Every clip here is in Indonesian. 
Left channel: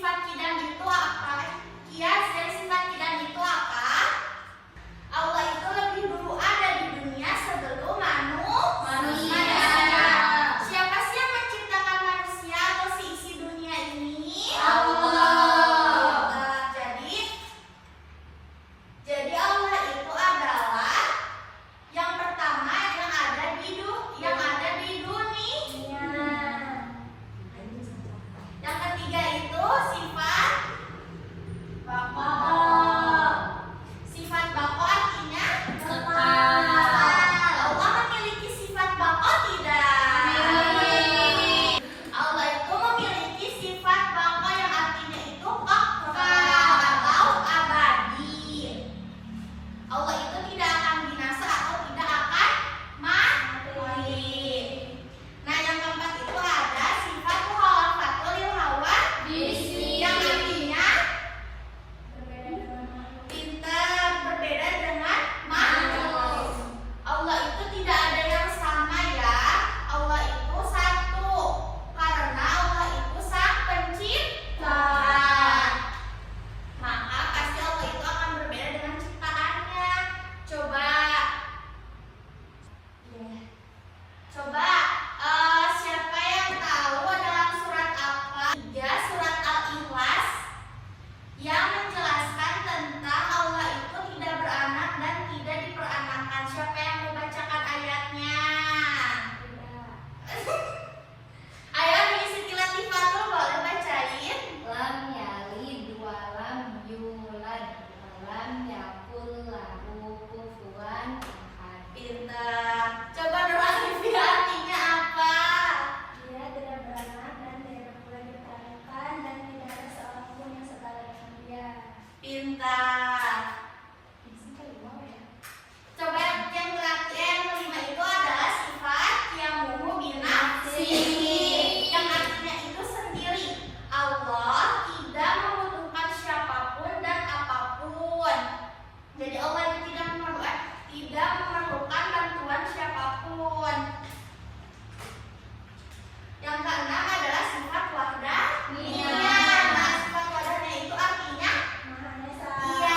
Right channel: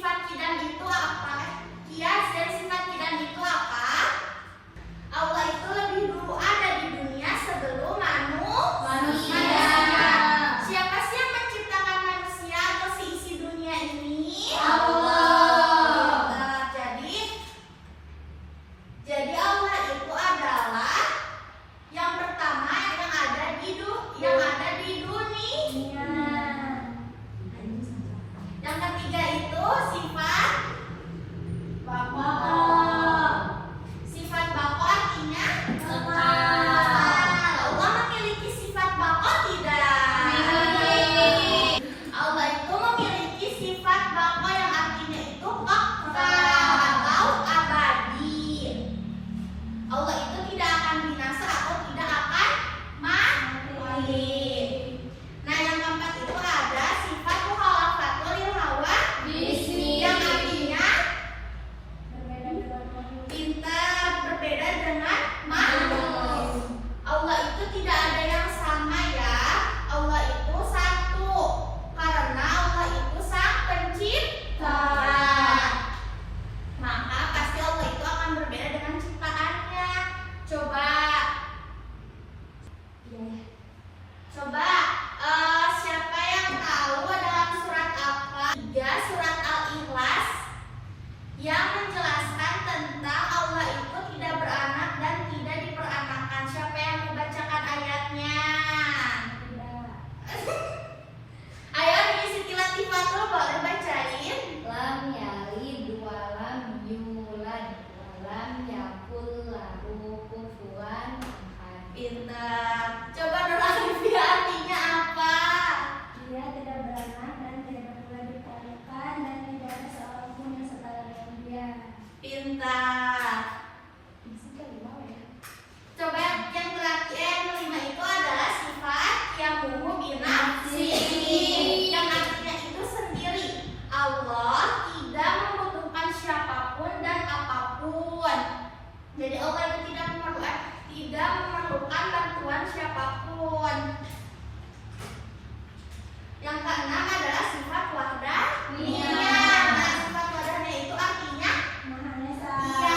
sifat kidam itu apa? Kias dari sifat kidam itu apa? Allah itu lebih dulu ada di dunia sebelum manusia. Siapa sih yang menciptakan manusia atau isi dunia ini? Allah. Jadi Allah itu adalah yang pertama yang ada di dunia. Yang ketiga itu sifat bako. Sifat bako artinya kekal. Allah memiliki sifat bako tidak? Allah itu memiliki sifat bako yang artinya itu kekal atau abadi. Allah itu tidak akan binasa atau tidak akan mati. Nah, yang keempat itu ada sifat mukhalafatul hawa bismi yang artinya pintar, berbeda dengan makhluk. Allah itu tidak ada yang sama ya. Allah itu satu karena Allah itu sang pencipta. Maka pasti Allah itu akan berbeda dengan ciptaannya. Siapa yang tahu dalam surat apa? 3 surat Al-Ikhlas yang menjelaskan tentang Allah itu tidak beranak dan tidak diperanakan. Siapa yang membacakan ayatnya? Ayo mengisi latifah tuh, boleh bacain? Lam yalid wa lam yulad wa lam yakul lahu kufuwan ahad. Pintar. Coba Nur Alifi artinya apa? Dia tidak beranak dan tidak pula diperanakan dan tidak ada seorang pun yang setara dengan dia. Pintar. Coba yang kelima itu adalah sifat yang binafsihi yang artinya itu sendiri. Allah tidak membutuhkan siapapun dan apapun. Jadi Allah itu tidak memerlukan bantuan siapapun. Yang keenam adalah sifat wahdaniyah. Nah, sifat wahdaniyah itu artinya Maha Esa. iya,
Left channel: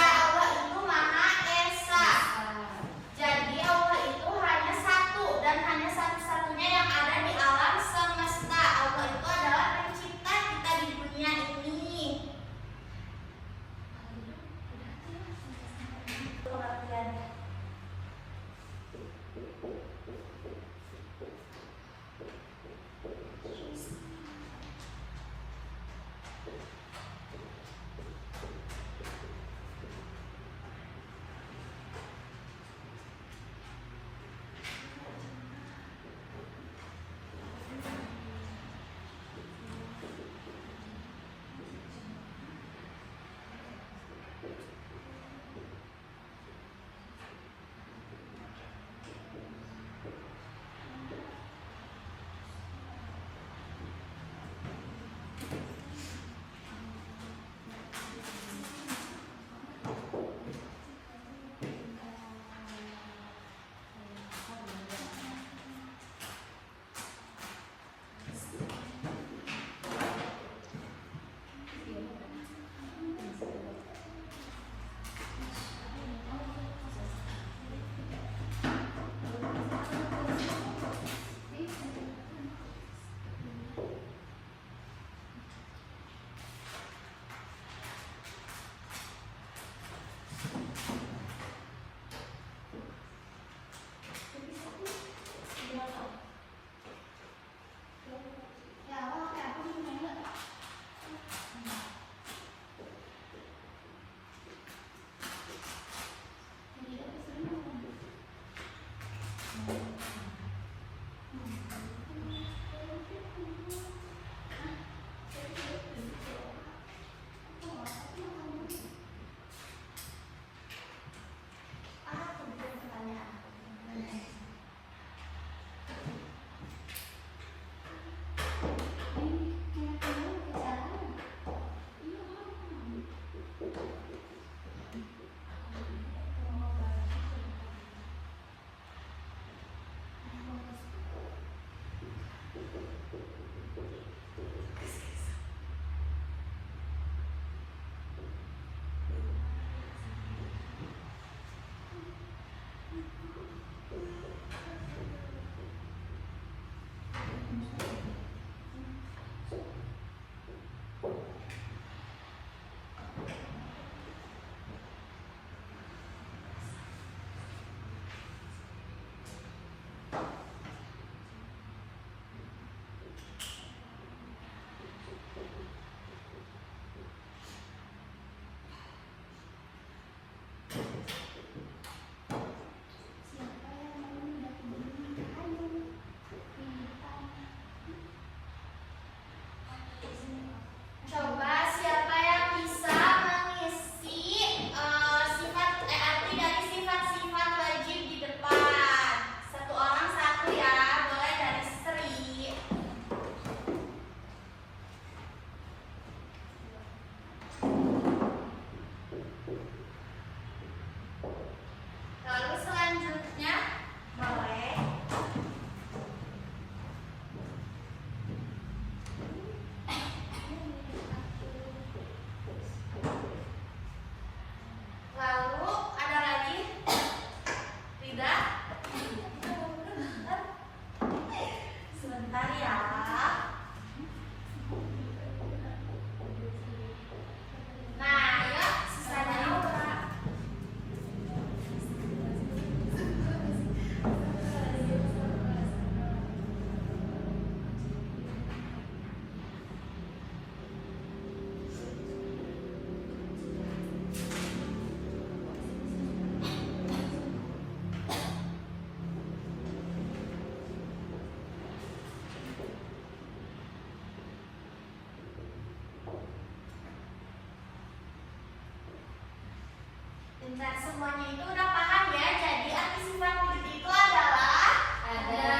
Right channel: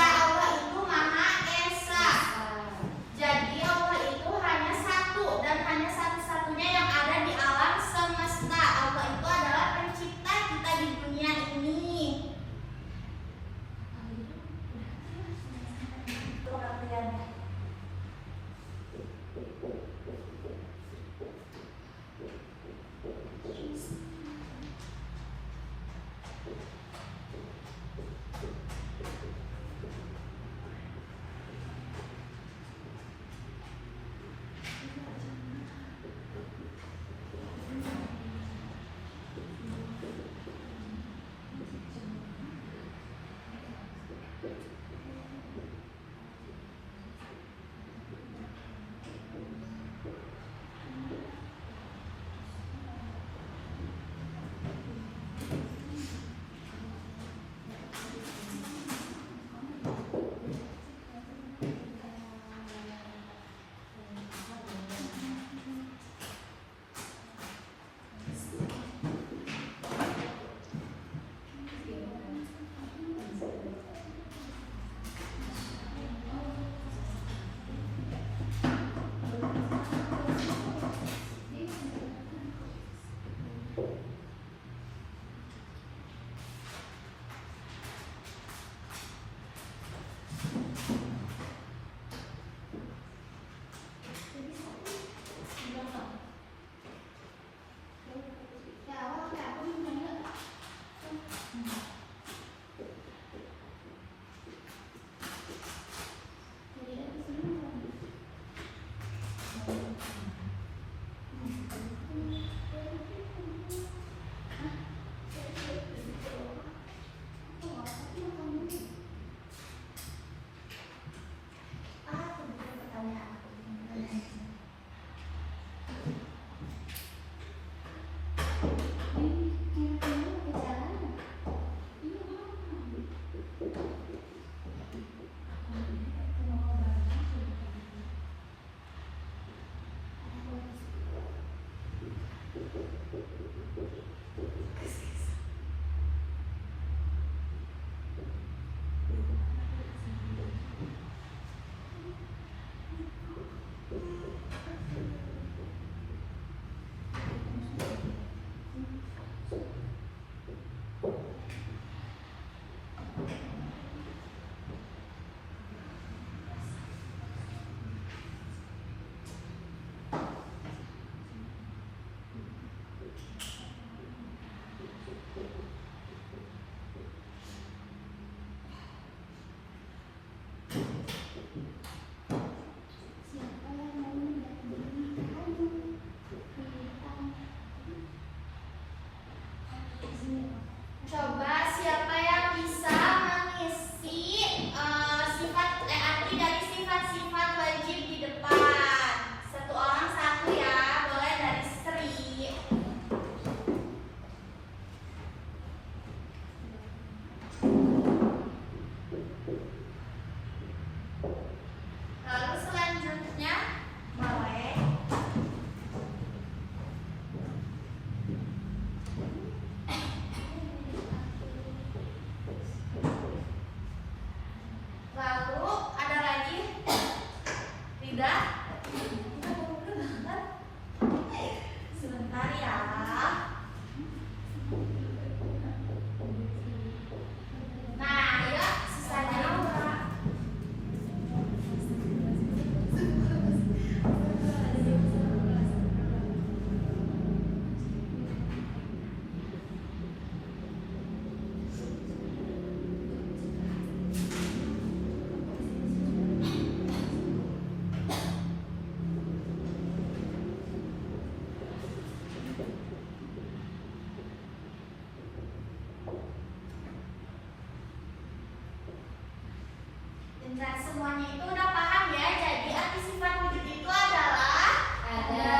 semuanya itu udah paham ya. Jadi arti sifat wujud itu adalah Ada,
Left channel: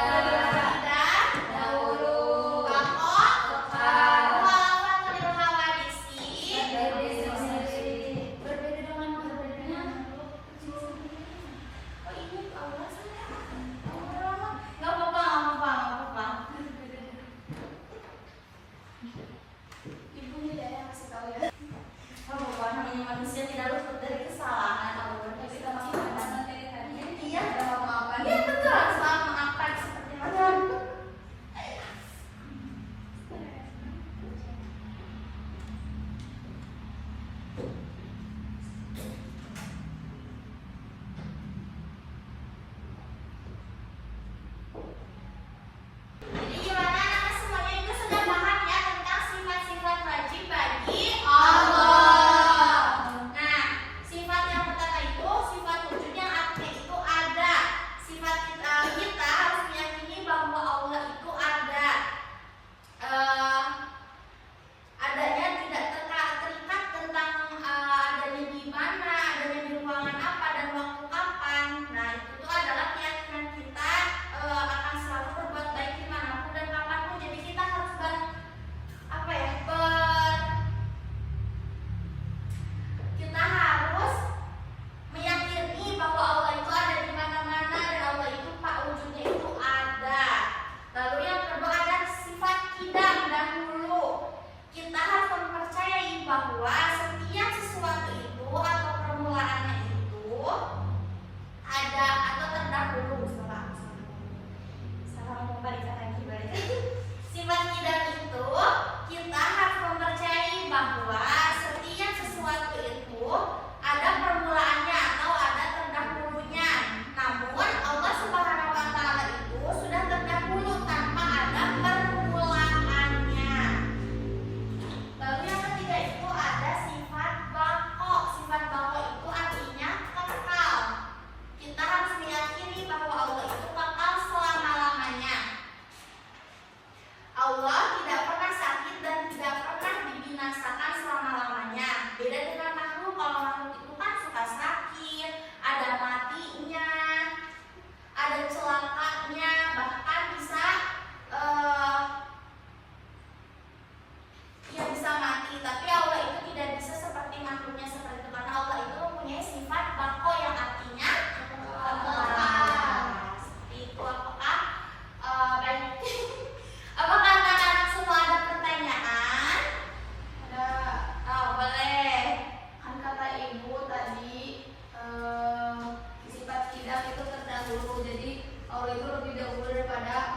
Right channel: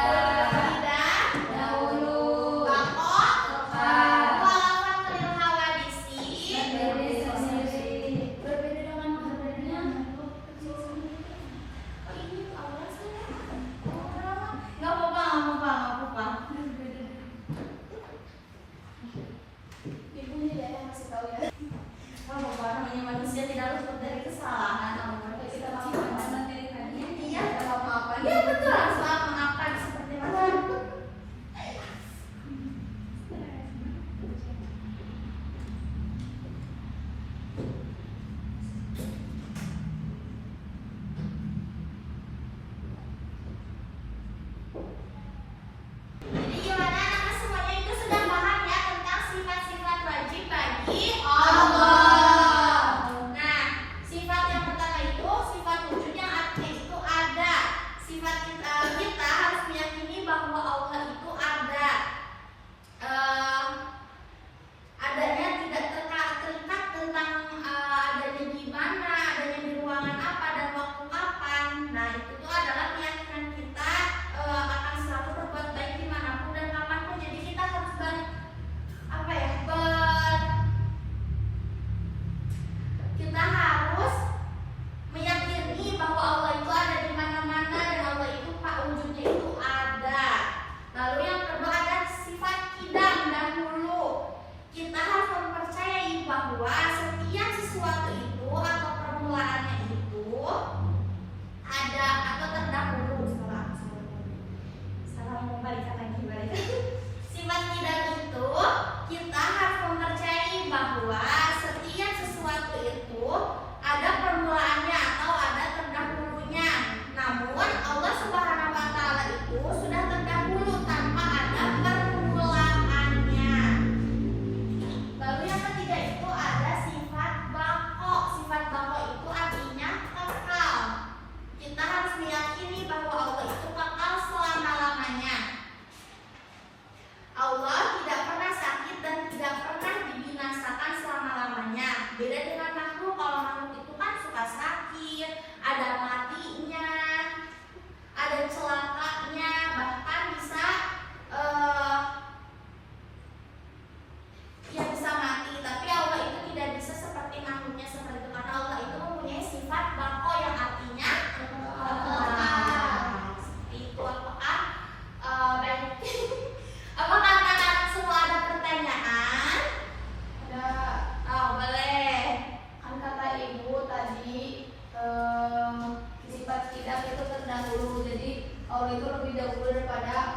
tidak, dahulu, bako, kekal, walaupun teril hawadisi. berdiri sendiri. Berbeda dengan makhluknya makhluk kecil sendiri. Oh ini tuh awalnya saya. Nggak apa-apa, nggak apa-apa, nggak apa-apa. Ibu tidak yang kasih tahu ya. Oh, karena ini manusia tidak luput dari kesalahan. Kalau kita maafkan Iya, dalam maafkan. Iya betul, harus salah maafkan seperti itu. Jadi gimana anak semuanya itu sudah paham ya tentang sifat-sifat wajib bagi Allah. Nah, sifat yang pertama itu sifat wujud yang artinya itu ada. Sifat kita harus meyakini bahwa Allah itu ada. Adanya tidak terikat tentang adanya di mana, adanya di ruangan apa dan waktu kapan. Nah, itu tuh adalah keyakinan kita akan selalu berbuat baik dimanapun dan kapanpun. Jadi kita harus kita harus meyakini bahwa Allah itu ada di mana-mana dan Allah itu Pak wujudnya itu ada. Lalu yang kedua ada sifat kidam dan hulu. Kita harus mempercayai bahwa setiap sesuatu itu atau permulaannya itu ada atau terdahulu. Salah membalikan lagi. Sifat kidam itu kita harus mempercayai bahwa setiap sesuatu itu ada permulaannya atau ada terdahulunya. Namun Allah Subhanahu wa taala itu sudah terdahulu tanpa ada permulaannya. Lalu yang ketiga itu ada sifat bako. Sifat bako itu artinya kekal. Kita harus meyakini bahwa Allah itu kekal selama-lamanya. Allah tidak pernah sakit dan tidak pernah dibinasakan selama-lamanya. Beda dengan makhluk, kalau makhluk itu kan suka sakit, ada matinya, ada celakanya, bahkan bisa bisa mati. Tapi Allah itu tidak bisa seperti makhluknya seperti itu, karena Allah itu mempunyai sifat bako yang artinya kekal. Seperti itu. Apakah baik? Apakah anak-anak semua ada pertanyaan? Ada. Oh, boleh. Kan kata ibu tadi sifat tidak itu terdahulu. Jadi Allah itu lebih dahulu daripada